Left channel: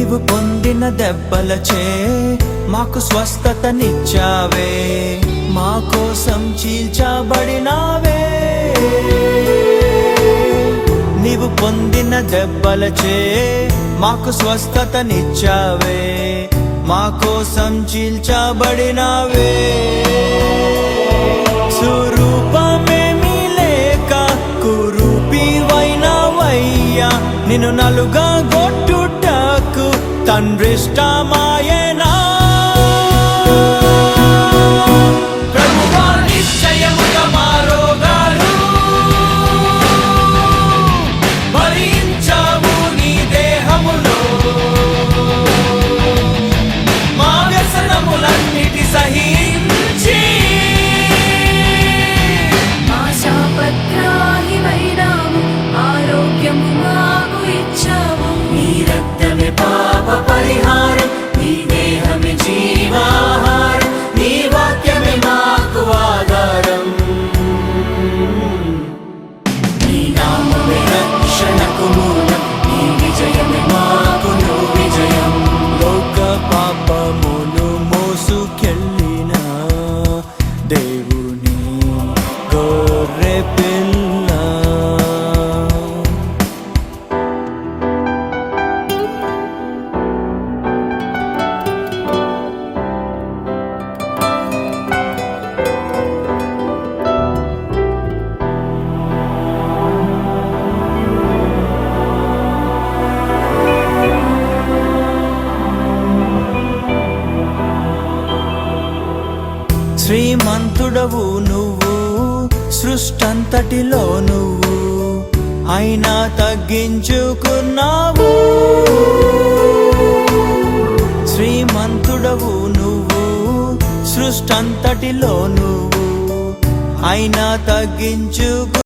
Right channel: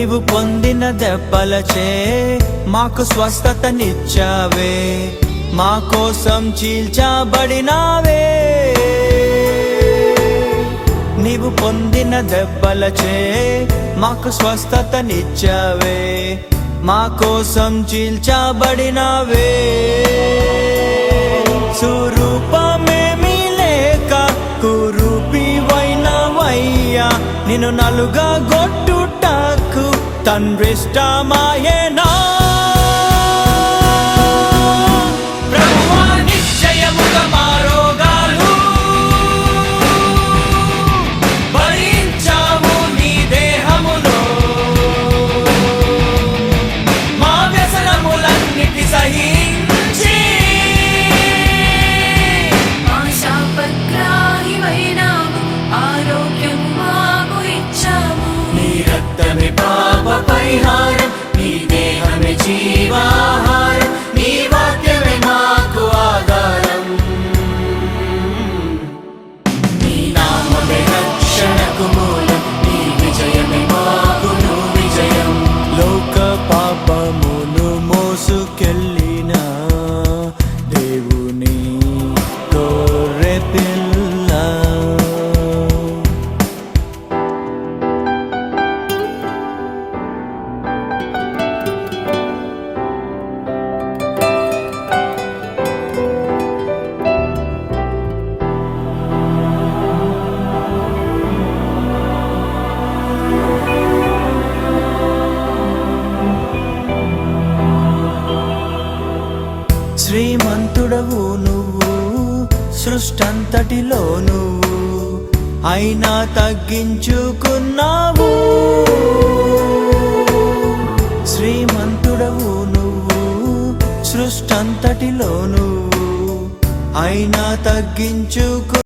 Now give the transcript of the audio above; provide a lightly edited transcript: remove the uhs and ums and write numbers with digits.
నీవు పొందిన దెబ్బలచే మాకు స్వస్థతనిచ్చావే, మా కోసం చీల్చబడినావే. నీవు పొందిన దెబ్బలచే మాకు స్వస్థతనిచ్చావే, మా కోసం చీల్చబడినావే. స్వరూపమేమీ లేక కురూపివైనవయ్యా, నిన్ను నలుగగొట్టుటకు తండ్రిష్టమాయెనా. ప్రభువా, నిశ్చయముగా మా రోగాలు భరించావు నీ దేహములో, మా వ్యసనములన్నిటి సహించి ఆశాపగ్రాహివైనావు, ఆరోగ్యము మాకు ఇచ్చావు. నీ రక్తమే పాప పరిహారం, నీ దేహమే జీవాహారం, నీ వాక్యమే మాకు ఆధారం. నీ నామమే రక్షణకు మూలం, నీ విజయమే మాకును విజయం. లోక పాపమును మోసుకెళ్ళిన దేవుని గొర్రె పిల్ల. శ్రీమంతుడవు నువ్వు సృష్టంతటిలో నువ్వు, అయినా తగ్గించుకున్నావు. శ్రీమంతుడవు నువ్వు సృష్టంతటిలో నువ్వు, అయినా తగ్గించుకు